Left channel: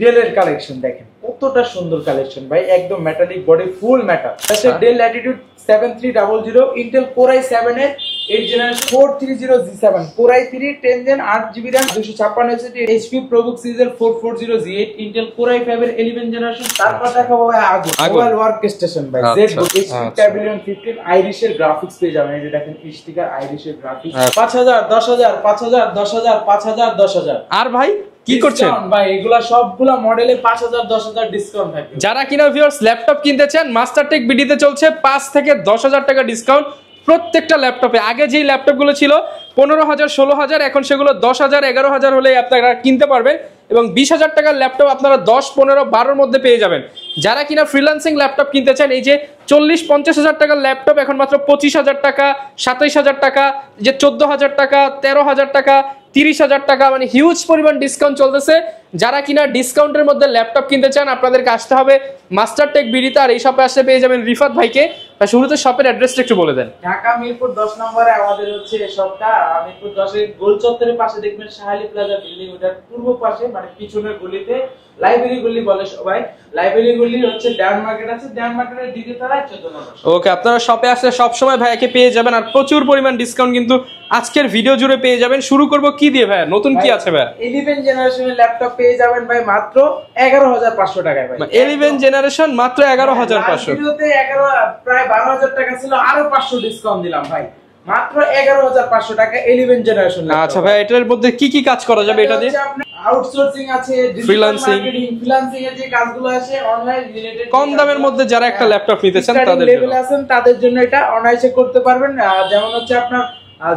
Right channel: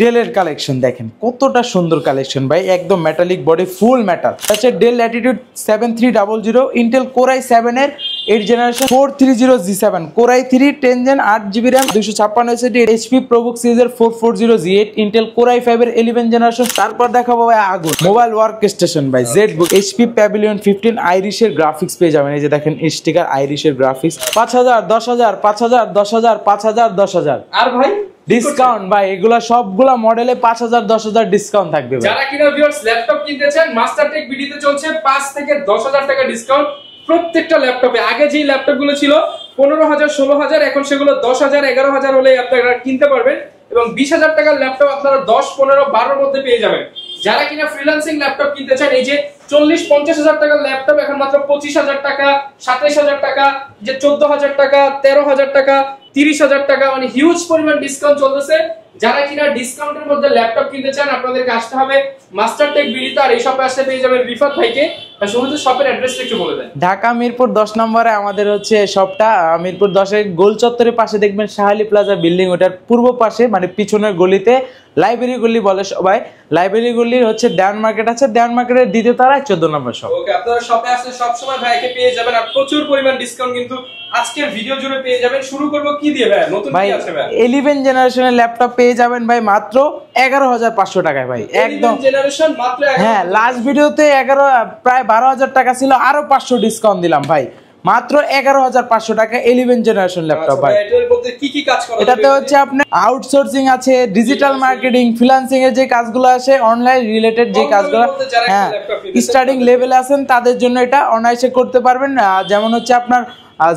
ডেলের কালেকশন দেখেন কতটা সুন্দর কালেকশন ভাই, একদম মেটালিক বডি, ফুল মেটাল। আচ্ছা Dell Latitude 7300 Intel core i7 এর 8 generation 430G7 core i3 10 gen 8GB RAM 256 SSD HP ProBook সিরিজের 440G8 ইন্টেল কোর i5 এর 11 জেনারেশন। তারপর দেখাবো ভাই আগুন মোবাইল ওয়ার্ক স্টেশন ভাই জেড এইচপি প্যাভিলিয়ন 15 আইরিশের গ্রাফিক্স পেয়ে যাবেন। এই যে দেখেন স্টিকার আইরিশের গ্রাফিক্স 5000 10000 5000 10000 5000 10000। আর ভাই ডিসকাউন্ট ভাই, এগুলা সবগুলা মডেলে 5000 10000 ডিসকাউন্ট থাকবে। যারা কিনা ভিউয়ার্স ল্যাপটপ কিনতে চান মাস্টারটেক বিডিতে চলছে 5 থেকে 10000 টাকা ডিসকাউন্ট প্রত্যেকটা ল্যাপটপে। আগে যেই ল্যাপটপগুলো ছিল 15000 16000, এখন সেগুলো 10000 11000 হলে আপনারা কিনতে পারবেন এবং 20000 টাকার ল্যাপটপ আপনারা 10 15 12 মধ্যে পেয়ে যাবেন। যারা কিনা ফ্রিল্যান্সিং ল্যাপটপ কিনতে চান, এই যে 40-50 টাকার ল্যাপটপ এখন মাত্র 25000 টাকা, 27000 টাকা, যে 14000 টাকা, 13000 টাকা, 30000 টাকা, মানে হিউজ পরিমাণ ডিসকাউন্ট চলতেছে। যারা কিনা ডিসকাউন্টের মধ্যে ল্যাপটপ কিনতে চান আপনাদেরকে আসতে হবে মাস্টারটেক বিডিতে। আর এই শপে আসলে পেয়ে যাবেন রিফাত ভাইকে। শুরুতে শপের অ্যাড্রেসটা একটু বলে দেন। ঢাকা মিরপুর 10 নম্বরে আমাদের হচ্ছে শপটা। মিরপুর 10 গোল চত্বরের পাশে দেখবেন শাহালি প্লাজা বিল্ডিং, ওটার পূর্ব পাশে মানে পিছনের গলিতে লাইব্রেরি গলি বলে সবাই। লাইব্রেরি গলির হচ্ছে ডায়মন্ড মার্কেট আছে, ডায়মন্ড মার্কেটের দ্বিতীয় তলায় 14 নম্বর শপ। ওকে, আপনারা শপে আসলে সব সময় ভাইকে পেয়ে যাবেন আর প্রচুর পরিমাণ ডিসকাউন্ট কিন্তু আজকের ভিডিও জুড়ে পেয়ে যাবেন। শুরু করব কি দিয়ে ভাই? নতুন কি আছে ভাই? 11 জেনারেশনের ল্যাপটপ পেয়ে যাবেন ভাই মাত্র 11500 টাকায় ভাই। 11 জেনারেশন মাত্র 11500। লাস্ট ভিডিওতে 11 প্রায় 12000 টাকা ছিল, আরো 500 ডিসকাউন্ট দিলাম ভাই, মাত্র 11500 টাকা 11 জেনারেশন ল্যাপটপ। আচ্ছা ভাই, এটার মধ্যে কি কি কাজ করা যাবে? এটা হচ্ছে আপনি আউটসোর্সিং আছে, ডিজিটাল মার্কেটিং, ফ্রিল্যান্সিং এর যে কাজগুলো আছে, অনলাইন রিলেটেড যে কাজগুলো, কম দামের মধ্যে যারা একটা ল্যাপটপ নিতে চান তাদের লেভেল আছেন তাদের জন্য এটা অনায়াসে করতে পারবেন। যেমন হচ্ছে আপনার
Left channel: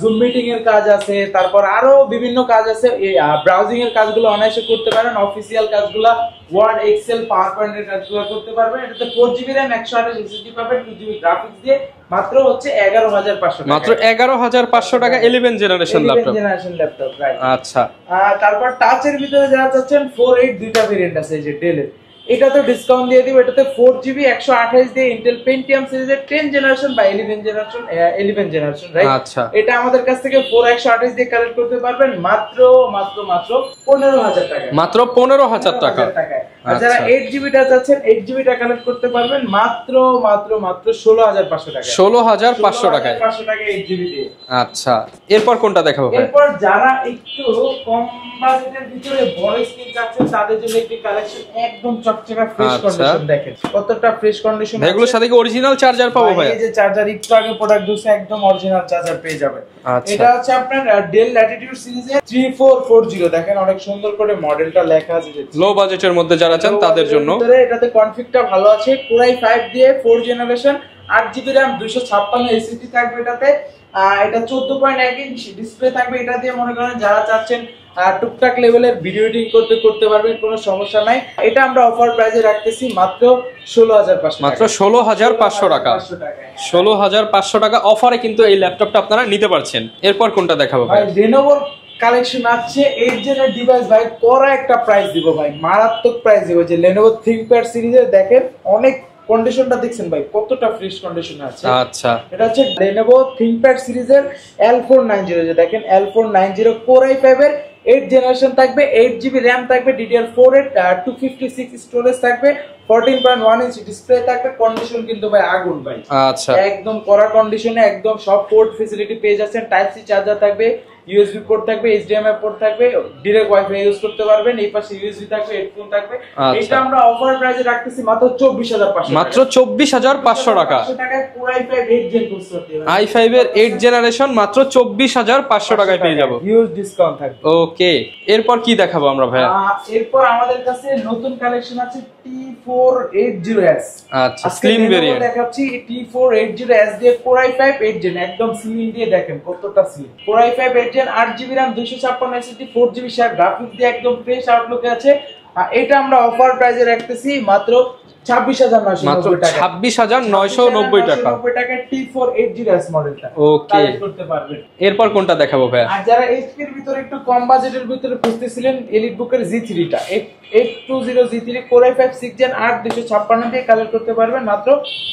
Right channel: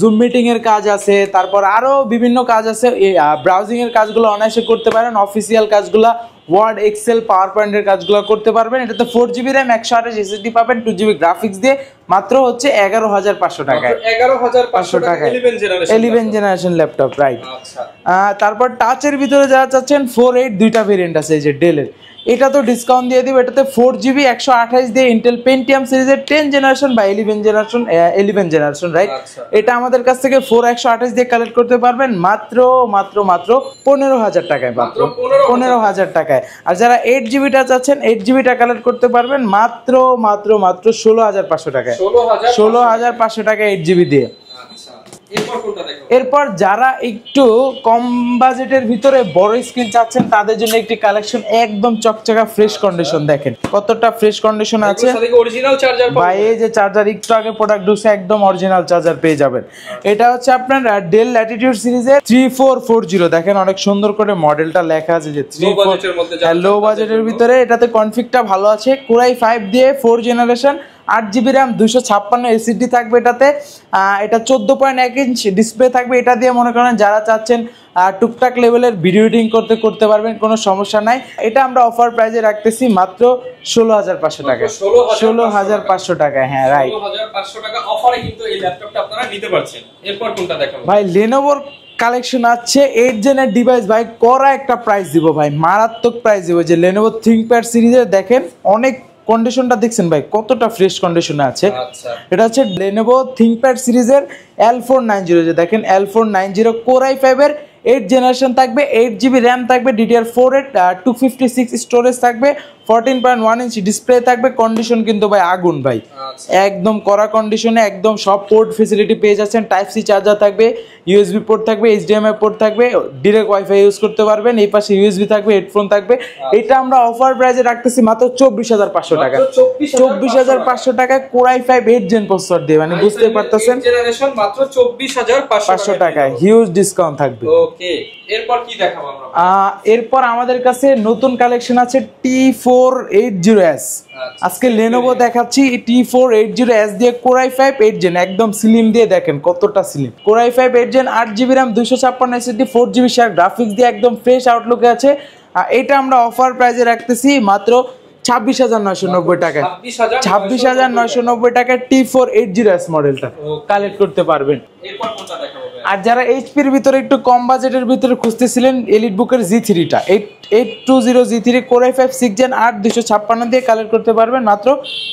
জুম মিটিং এর কাজ আছে, তারপর আরো বিভিন্ন কাজ আছে, ব্রাউজিং এর কাজগুলো অনায়াসে করতে পারেন, অফিসিয়াল কাজগুলো ওয়ার্ড এক্সেল পাওয়ার পয়েন্টের কাজগুলো করতে পারবেন। এটাতে 4GB RAM 128 SSD পাবেন, 2GB গ্রাফিক্স দিয়ে মাত্র হচ্ছে 11500 টাকা। মাত্র 11500 টাকা 11 জেনারেশন ল্যাপটপ, রাইট। আচ্ছা, তারপর টাচের ভিতরে যারা চাচ্ছেন 4.8 দুইটা ভেরিয়েন্ট আছে, এই যে ডেলের, এটা তো ডিসকাউন্ট দিয়ে দিব। এটাতে 4GB 128 দিয়ে ইন্টেল পেন্টিয়াম সিরিজের 10 জেনারেশন বা 11 জেনারেশন, রাইট। আচ্ছা, এটা আমাদের কাছ থেকে 4128 দিয়ে কালেক্ট করতে পারবেন মাত্র 15000 টাকায়, মাত্র 15000 টাকায়। আর যারা 8GB টা চাচ্ছেন 8GB টা কালেক্ট করতে পারবেন মাত্র 16500 টাকায়, 16500 টাকা 8GB দিয়ে। আচ্ছা, এরপর কোনটা দেখাবো? এরপর যারা একটু কম বাজেটের ভিতরে বড় স্ক্রিন চাচ্ছেন তাদের জন্য একটি কালেকশন একদম চকচকা ফ্রেশ কন্ডিশন। দেখেন কতটা ফ্রেশ কন্ডিশন আছে, এগুলোর সাথে কি অরিজিনাল চার্জার পাবো ভাই? এই যে চার্জার একটু আগে প্রোডাক্ট ঢুকছে, একদম অরিজিনাল চার্জার পেয়ে যাবেন। এটা হচ্ছে আপনার ডেল ল্যাটিটিউড সিরিজের 3440। দেখেন অনেক সুন্দর করে মডেলটা লেখা আছে, যে লো বাজেটের মধ্যে যারা চান তাদের জন্য। এটাতে কনফিগটা ভালো আছে, কোর i5 দিয়ে 4 জেনারেশন 8GB RAM 256 SSD থাকবে এটাতে। এটা 14.1 ইঞ্চ ডিসপ্লে থাকবে। এটা দিয়ে মনে করেন যারা চাচ্ছেন টুকটাক লেভেলের ভিডিও এডিটিং করতে পারবেন, কোনো সমস্যা নাই। এটা আমরা অফার প্রাইসে রাখতেছি মাত্র 16500 টাকা, মাত্র 16500 টাকা। হ্যাঁ, 16500 টাকা অফারে কিন্তু এই ল্যাপটপটা আপনারা নিতে পারছেন। এরপর কোনটা দেখাবো ভাই? Lenovo কালেকশন আছে 8 জেনের ডিভাইস ভাই, করা একটা প্রাইস দিব ভাই, মারাত্মক প্রাইস দিব। যে Lenovo ThinkPad সিরিজের দেখেন অনেক কন্ডিশনটা দেখছেন ভাই কতটা ফ্রেশ কন্ডিশনে আছে। আচ্ছা, এটা হচ্ছে Lenovo ThinkPad সিরিজের L490, যে দেখেন L490 কোর i5 এর 8 জেনারেশন থাকবে, 8GB RAM থাকবে, DDR4 এর 256 স্টোরেজ থাকবে, 14.1 ইঞ্চ ডিসপ্লে থাকবে। কন্ডিশন কিন্তু ভাই আগুন ভাই, আচ্ছা, একদম কড়া কন্ডিশনে, একদম সব পোর্ট ফ্যাসিলিটি পেয়ে যাচ্ছেন। টাইপ সি চার্জার থাকবে, ইউএসবি পোর্ট থাকবে, এইচডিএমআই পোর্ট থাকবে, ডাইরেক্ট ওয়াইফাই ইউজ করতে পারবেন। এই পাশে ইউএসবি থাকবে, হেডফোন থাকবে। এটা আমরা অফার প্রাইসে রাখতেছি মাত্র 24500 টাকা, মাত্র 24500 টাকা কোর i5 8 জেন প্রসেসর দিয়ে, মানে i5 8 জেনারেশন মাত্র 24500 টাকা পেয়ে যাবেন, হিউজ ডিসকাউন্ট থাকবে। ওকে, এরপর কি দেখাবো আমরা ভাই? এরপর আমাদের কাছে নতুন কালেকশন আছে T480S। আজকে Lenovo দেখাচ্ছি T480S দিয়ে কোর i5 8 জেন, একদম স্লিম দিয়ে দেখেন কতটা slim. Core i5 8 gen 8GB RAM 256 SSD 4GB share graphics দিয়ে একদম ফ্রেশ আউটলুকে আছে। এটা আমরা অফার প্রাইসে রাখতেছি মাত্র 26,990 টাকা, 26,990 টাকা T480S মডেলটা কালেক্ট করতে পারবেন। এরপর কোনটা দেখাবো ভাই? আর যারা এইচপির ভিতরে একটু কম বাজেটের ভিতরে খুঁজতেছিলেন এলিট বুকের G3 টা 820 G3 Core i5 6 Gen 8 256 দিয়ে কালেক্ট করতে পারবেন মাত্র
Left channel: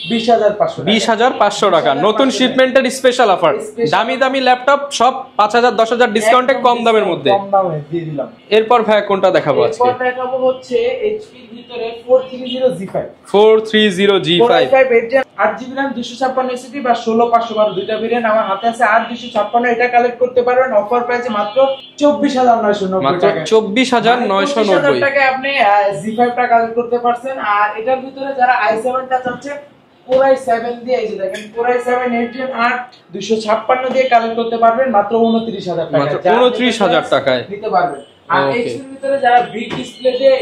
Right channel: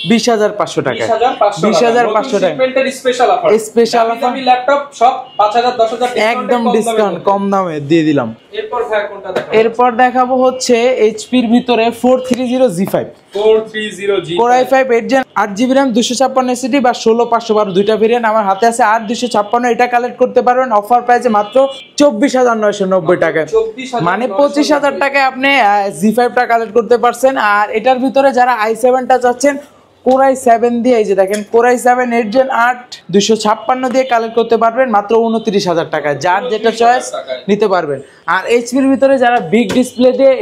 20,500 টাকা। 20,500 টাকা নতুন শিপমেন্টের স্পেশাল অফার। দামি দামি ল্যাপটপ সব 5,000 10,000 ডিসকাউন্টে কম দামের মধ্যে, কম দামে দিয়ে দিলাম। এরপর ভাই কোনটা দেখাবো? এরপর দেখাবো হচ্ছে এইচপির ভিতরে 430 G5 430G5 Core i5 8 Gen 8GB RAM 256 SSD বা 16512 দুইটা ভেরিয়েন্ট আমার হাতে আছে। 8256 এটা কালেক্ট করতে পারবেন অফার প্রাইসে মাত্র 24,990 টাকা। 24,990 টাকায় আপনি G5 টা কালেক্ট করতে পারছেন। আর এটার ভিতরে যারা i7 টা চাচ্ছেন Core i7 দিয়ে, এই যে দেখেন Core i7 8 Gen 8 256 দিয়ে কালেক্ট করতে পারবেন মাত্র 29,000 টাকায়, যা 29,000 টাকায় নিতে পারবেন। আর এইচপির ভিতরে যারা বিগ ডিসপ্লে দিয়ে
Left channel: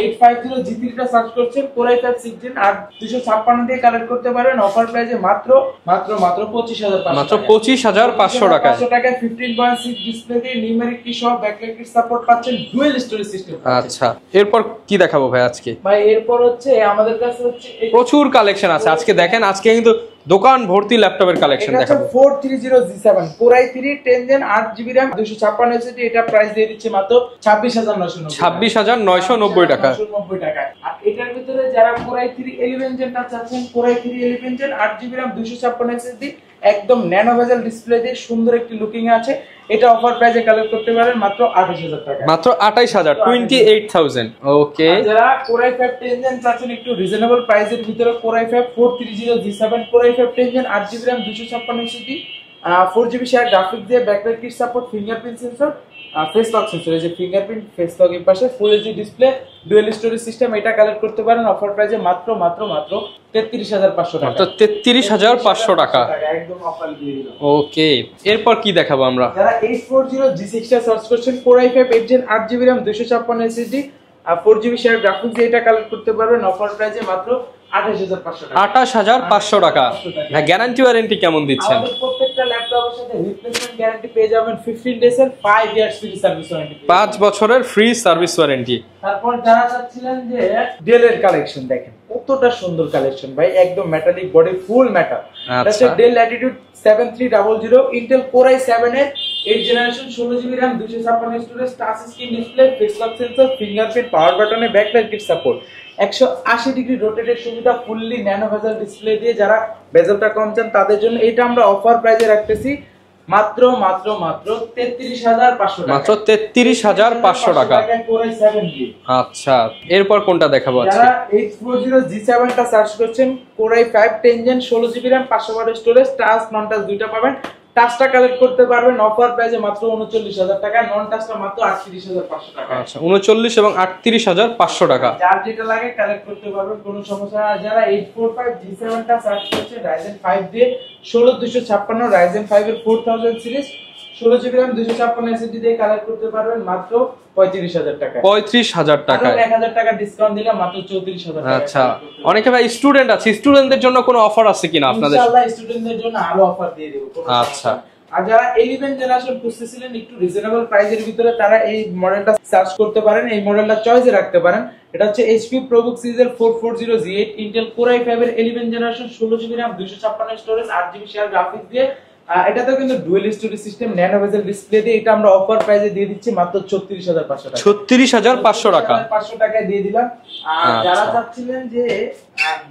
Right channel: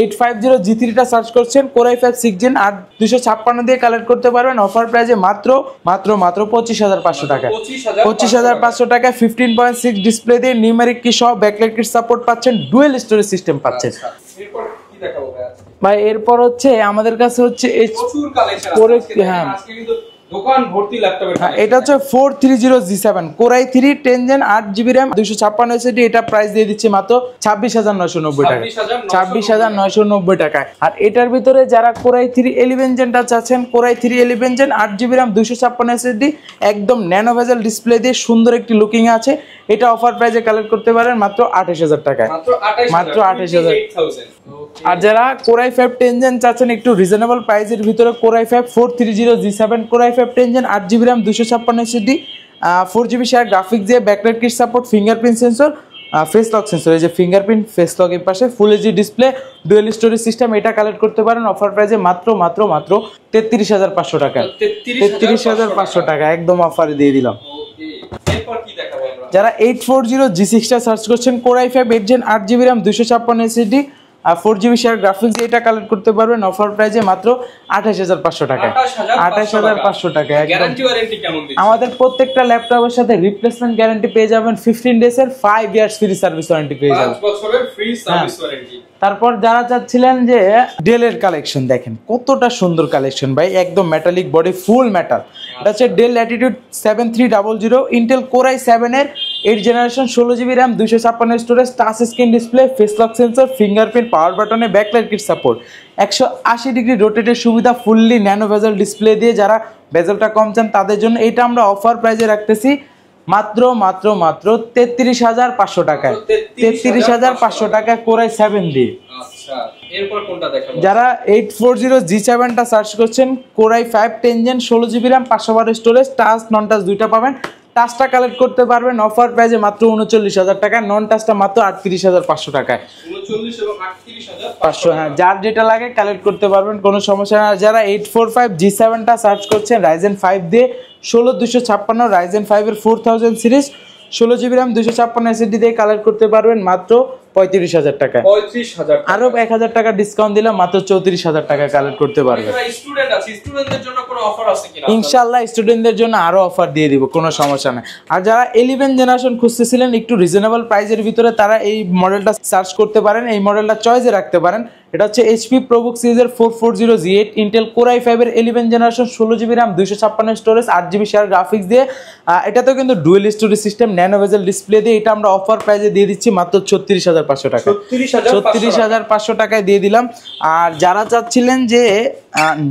850 G3 টা সার্চ করছেন Core i5 6 Gen 8 256 দিয়ে কালেক্ট করতে পারবেন অফার প্রাইসে মাত্র 25,500 টাকা। 25,500 টাকায় 15.6 ডিসপ্লে দিয়ে নিউমেরিক কি সহ ব্যাকলাইট কিট সাপোর্ট পাচ্ছেন, ডুয়াল স্টোরেজ সিস্টেম পাচ্ছেন। আচ্ছা এরপর কি দেখাবো ভাই আজকে? ভাই এরপর হচ্ছে আমাদের কাছে হচ্ছে প্রচুর কালেকশন আছে আজকে। দেখেন আজকে কিন্তু দোকান ভর্তি ল্যাপটপের কালেকশন। এটা হচ্ছে 430 G7 Core i3 10 Gen 8GB RAM 256 SSD, এটা প্রাইস দিয়ে দিচ্ছি মাত্র 26,990 টাকা। 26,990 টাকা। আর এটার ভিতরে যারা Core i3 11 Gen টা চাচ্ছেন Core i3 11 Gen 8GB RAM 256 SSD একদম ন্যানো ভেজেল ডিসপ্লে দিয়ে সুন্দর একটি লুকিং আছে, এটা অফার প্রাইসে কালেক্ট করতে পারেন মাত্র 28,000 টাকা। মাত্র 28,000 28,000 ওকে। আর যারা Core i5 10 Gen চাচ্ছেন একটু রিজনেবল প্রাইসের ভিতরে Core i5 430 G7 Core i5 10 Gen 8GB RAM 256 SSD 4GB share graphics দিয়ে backlight kit support fingerprint sensor face lock sensor, এই যে ফিঙ্গারপ্রিন্ট ফেস লক এর পাশে full HD display dual storage system, এটা কালেক্ট করতে পারেন অফার প্রাইসে মাত্র 33,500 টাকা। 33,500 টাকা একদম অফারে দিয়ে দিলাম। ওকে এরপর কি দেখাবো আমরা? যারা 840 G6 টা সার্চ করছেন Core i5 8 Gen 8GB RAM 256 SSD আর 4GB শেয়ার গ্রাফিক্স দিয়ে এটা কালেক্ট করতে পারবেন অফার প্রাইসে মাত্র 28,500 টাকা। 28,500 টাকা। গ্যারান্টি ওয়ারেন্টি কেমন দিচ্ছেন? আমাদের প্রত্যেকটা ল্যাপটপের সাথে রিপ্লেসমেন্ট গ্যারান্টি পেয়ে যাবেন 15 ডেজ এর, 5 ইয়ার্স ফ্রি সার্ভিস ওয়ারেন্টি পেয়ে যাবেন, 5 বছরের ফ্রি সার্ভিস ওয়ারেন্টি। তারপর যারা চাচ্ছিলেন যে ডেল এর কালেকশন, দেখেন কতটা সুন্দর কালেকশন ভাই, একদম মেটালিক বডি ফুল মেটাল। এটা হচ্ছে del Latitude 7300 Intel Core i7 এর 8 generation 16GB RAM 256 storage touch screen display face lock sensor fingerprint power বাটনে ব্যাকলাইট কিট সাপোর্ট 180 ডিগ্রি রোটেটের সুবিধা ফুললি ন্যানো ভেজেল ডিসপ্লে দিয়ে, যারা ভেজেলটা কম চান তাদের জন্য এটা আমরা অফার প্রাইসে রাখতেছি মাত্র 33,500 টাকা। 33,500 টাকা Core i7 দিয়ে। আচ্ছা এরপর কোনটা দেখাবো? যারা 840 G7 টা সার্চ করছেন Core i5 10 Gen 16GB RAM 512 storage touch নন টাচ দুইটা পাবেন, টাচটা কালেক্ট করতে পারবেন অফার প্রাইসে মাত্র 39,000 টাকা, নন টাচটা মাত্র 38,500 টাকা। আচ্ছা 39 এবং 38,500 টাকা, যার যেটা লাগে কালেক্ট করতে পারবেন, কোনো সমস্যা না। যারা 845 G7 টা সার্চ করছেন Ryzen 5 দিয়ে 16256 Ryzen 5 এর 4000 সিরিজ 16GB RAM 256 SSD দিয়ে কালেক্ট করতে পারবেন মাত্র 35,000 টাকা। 35,000 টাকা, আরো 1,000 টাকা ডিসকাউন্ট দিলাম মাত্র 34,000 টাকা কালেক্ট করতে পারবেন। অনেকে ভাই স্টুডেন্ট আছে, স্টুডেন্টদের জন্য কোনো অফার আছে কিনা আপনাদের? ইনশাআল্লাহ স্টুডেন্টদের জন্য আরো অফার দিয়ে দিব, কোনো সমস্যা নেই। আর যারা 11 জেনারেশন খুঁজতেছিলেন একটু রিজনেবল প্রাইসের ভিতরে, তারা এই মডেলটা সার্চ করতে পারেন, এই মডেলটা চয়েসে রাখতে পারেন। এটা হচ্ছে HP ProBook সিরিজের 440 G8 Intel Core i5 এর 11 generation 16GB RAM 256 storage 8GB share graphics দিয়ে, এটাতেও কিন্তু dual storage system nano bezel display দিয়ে, এটা আমরা অফার প্রাইসে দিয়ে দিচ্ছি মাত্র 36,500 টাকা। 36,500 টাকায় দিয়ে দিলাম। আর যারা চাচ্ছিলেন যে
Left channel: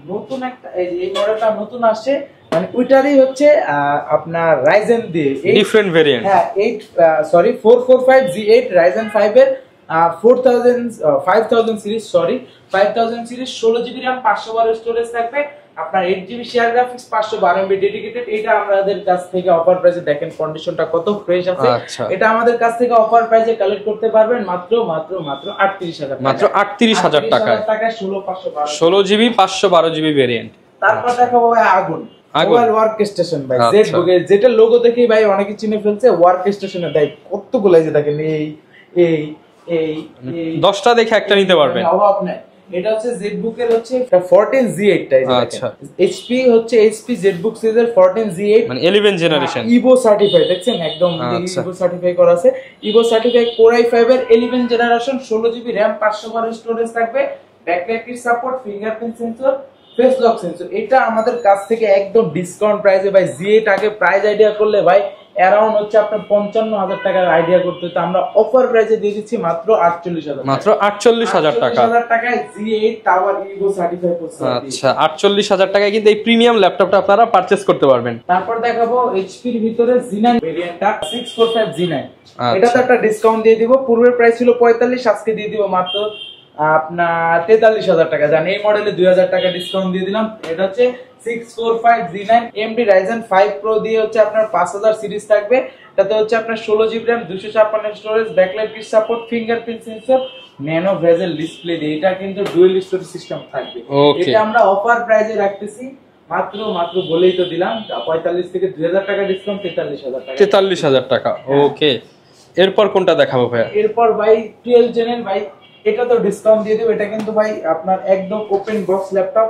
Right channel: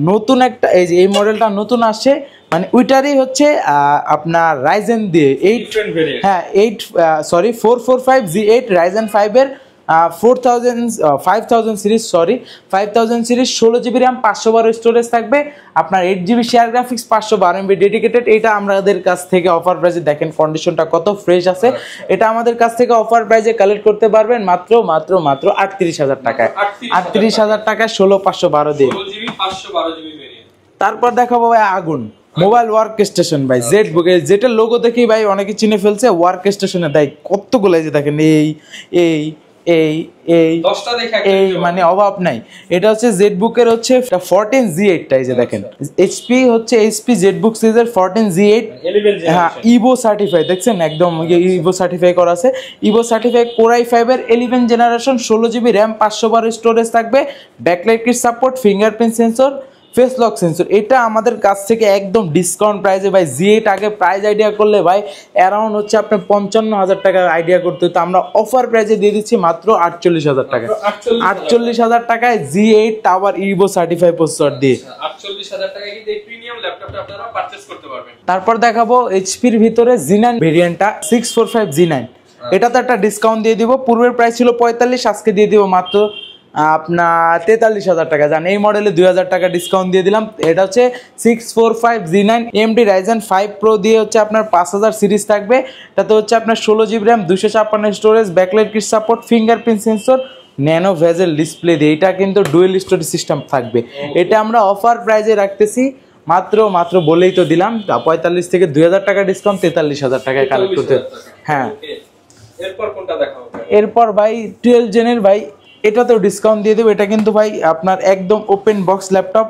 নতুন একটা এই মডেলটা নতুন আসছে, মানে ওইটারই হচ্ছে আপনার Ryzen দিয়ে ডিফারেন্ট ভেরিয়েন্ট, হ্যাঁ 445 G8 Ryzen 5 এর 5000 সিরিজ 16GB RAM 512 স্টোরেজ থাকবে, আপনার 8GB share graphics 512 MB dedicated. এটা আমাদের কাছ থেকে অফার প্রাইসে, দেখেন কন্ডিশনটা কত ফ্রেশ আছে, এটা আমাদের কাছ থেকে অফার প্রাইসে কালেক্ট করতে পারবেন মাত্র 38,000 টাকা। 38,000 টাকা 16512 দিয়ে 16GB 512GB ভেরিয়েন্ট। তারপর দেখাবো ভাই আগুন মোবাইল ওয়ার্ক স্টেশন ভাই, জেড বুকে যেটা লোগো দেখেই ভাই অনেকে চিনে ফেলছে। ওয়ার্ক স্টেশনে দেয় কতগুলো, যে দেখেন এই এই এই 10টা দেখে একটা নিতে পারবেন, মানে অভাব নাই। এটা হচ্ছে জেটবুক এর হচ্ছে 14Z8 টা, এই যে দেখেন এইচপি হচ্ছে এইচপি জেটবুক সিরিজের 14Z8 মানে 11 জেনারেশন, ইভো সার্টিফাই, দেখছেন একদম ইভো সার্টিফাই করা আছে। ইভো সার্টিফাই কোর i5 এর 11 জেনারেশন, 16GB র‍্যাম, 512 স্টোরেজ থাকবে, backlight kit support, fingerprint sensor, face lock sensor. এটা আমাদের কাছ থেকে একদম ডিসকাউন্ট প্রাইসে ভাই। Z8 আগে প্রাইস আইডিয়া করলে ভাই অ্যারাউন্ড হচ্ছে আপনার 55,000 টাকা আইডিয়া করতে হতো, আমরা অফার প্রাইসে দিয়ে দিচ্ছি মাত্র 48,000 টাকা, মাত্র 48,000 টাকায় Z8 tower Ivo certify processor দিয়ে। আচ্ছা 48,000 টাকায় কিন্তু এই প্রিমিয়াম ল্যাপটপটা আপনারা পারচেজ করতে পারবেন। তারপর দেখাবো এইচপির ভিতরে Z9 ভেরিয়েন্টটা 645 Z9। এটা তো একটা ডিসকাউন্ট দিয়ে দিব, পূর্বের প্রাইস ছিল 45, আজকে দিয়ে দিব মাত্র আপনার 43,000 টাকা। জান এই মডেলে 2,000 টাকা ডিসকাউন্ট দিয়ে দিলাম। এটা হচ্ছে 645 Z9 AMD Ryzen 5 Pro দিয়ে হচ্ছে আপনার 5000 সিরিজ থাকবে। এটাতে হচ্ছে আপনার 16GB RAM, 256 storage, backlight kit support, fingerprint sensor, nano bezel display দিয়ে। এটা কিন্তু ডুয়েল স্টোরেজ সিস্টেম থাকবে। এটা আমরা অফার প্রাইসে রাখতেছি মাত্র বলেই তো দিলাম 45 থেকে 2,000 টাকা ডিসকাউন্ট, 43,000 টাকা। 43,000 টাকা, ওকে। এরপর কোনটা দেখাবো ভাই? এরপর ভাই 12 জেনের ভাই, এটাতেও ডিসকাউন্ট দিয়ে দেবো। এটা কিন্তু ভাই আপনার একদম open box laptop,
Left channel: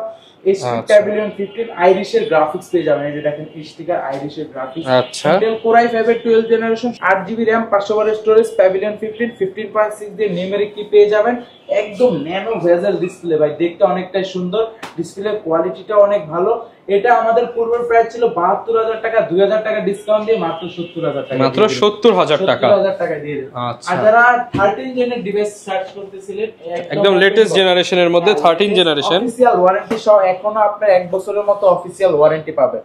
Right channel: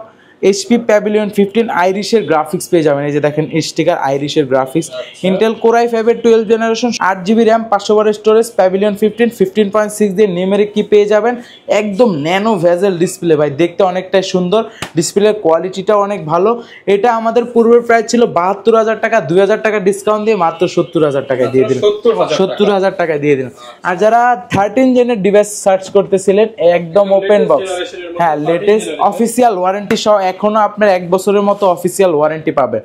HP Pavilion 15 আইরিশের গ্রাফিক্স পেয়ে যাবেন। এই যে দেখেন স্টিকার আইরিশের গ্রাফিক্স। ইন্টেল কোর i5 এর 12 generation, 8GB RAM, 512 storage, pavilion 15 15.6 দিয়ে নিউমেরিক কি পেয়ে যাবেন। একদম ন্যানো ভেজেল ডিসপ্লে ভাই, দেখতে অনেকটাই সুন্দর, ডিসপ্লের কোয়ালিটিটা অনেক ভালো। এটা আমাদের পূর্বের প্রাইস ছিল 72,000 টাকা, 2,000 টাকা ডিসকাউন্ট দিয়ে মাত্র 70,000 টাকা দিয়ে দিলাম। 70,000 টাকা দিয়ে দিলাম। আর যারা 13 জেনের ডিভাইস সার্চ করতেছিলেন, একদম লেটেস্ট জেনারেশনের মধ্যে 13 জেনারেশন অফিশিয়াল ওয়ারেন্টি সহ এখনো আপনার 1 বছরের মতো অফিশিয়াল ওয়ারেন্টি পাবেন।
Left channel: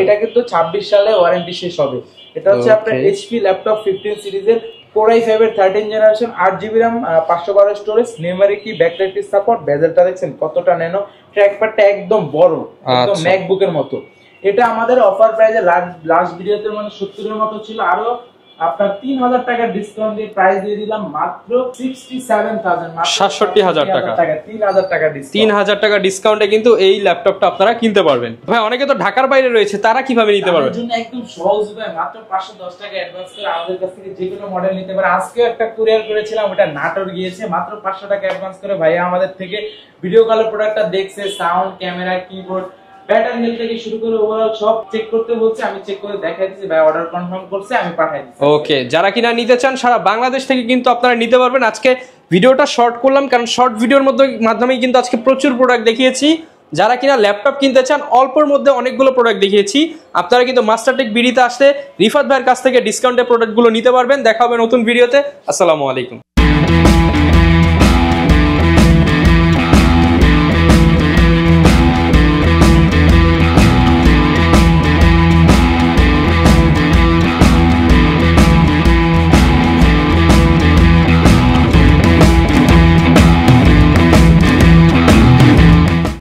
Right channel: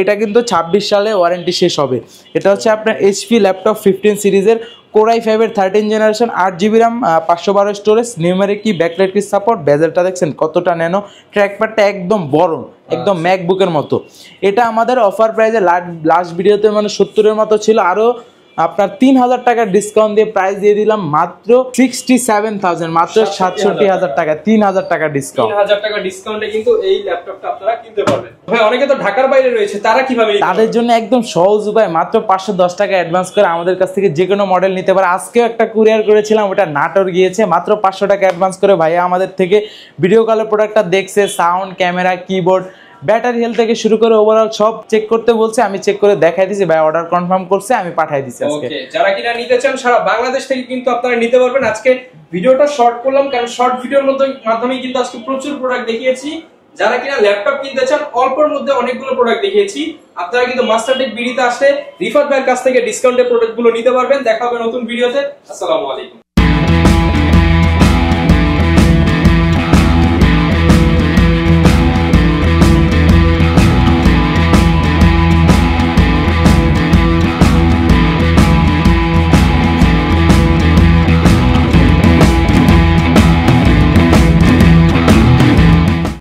এটা কিন্তু 26 সালে ওয়ারেন্টি শেষ হবে। এটা হচ্ছে আপনার এইচপি ল্যাপটপ 15 সিরিজের কোর i5 এর 13 generation, 8GB RAM, 512 storage, numeric কি, ব্যাকলাইট কি সাপোর্ট। বেজেলটা দেখছেন কতটা ন্যানো, ট্র্যাকপ্যাডটা একদম বড়, একদম ম্যাকবুকের মতো। এটা আমাদের অফার প্রাইসে লাস্ট ভিডিওতে মানে 70 এর মতো ছিল, আরো আপনার 3,000 টাকা ডিসকাউন্ট দিয়ে প্রাইস দিয়ে দিলাম মাত্র 67,000, মাত্র 67,000 টাকা। 3,000 টাকা ডিসকাউন্ট, 3,000 টাকা ডিসকাউন্টে কিন্তু এই ল্যাপটপটা আপনারা কিনতে পারবেন। ভাই অনেকে তো ঢাকার বাইরে রয়েছে, তারা কিভাবে নিতে পারবে? তাদের জন্য একদম সহজ উপায়, মাত্র 510 টাকা অ্যাডভান্স করে আমাদের কাছ থেকে যে কোনো মডেল নিতে পারে। আজকেও একটা কুরিয়ার করেছিলাম, ওটা নাটোর গিয়েছে, মাত্র 500 টাকা অ্যাডভান্স করে ভাইয়া আমাদের থেকে ভিডিও কলের প্রোডাক্টটা দেখছে, sound, camera, keyboard, battery health থেকে শুরু করে ওভারঅল সব চেক করতে বলছে। আমি চেক করে দেখাই দিয়েছি, ভাই অর্ডার কনফার্ম করছে, আমি পাঠিয়ে দিয়েছি। ওকে, যারা কিনা নিতে চান সারা বাংলাদেশ থেকে কিন্তু আপনারা নিতে পারবেন। আজকে ভিডিওটা শর্ট করলাম কারণ শর্ট ভিডিওর মাধ্যমেই কিন্তু আজকে প্রচুর প্রোডাক্ট দেখিয়েছি। যারা কিনা ল্যাপটপ কিনতে চান অল্পের মধ্যে অনেকগুলো প্রোডাক্ট দেখিয়েছি, আপনারা কিন্তু মাস্টারটেক বিডিতে আসলে রিফাত ভাইয়ের কাছ থেকে ডিসকাউন্টে প্রোডাক্টগুলো নিতে পারবেন। দেখা হবে নতুন ভিডিওতে। আসসালামু আলাইকুম।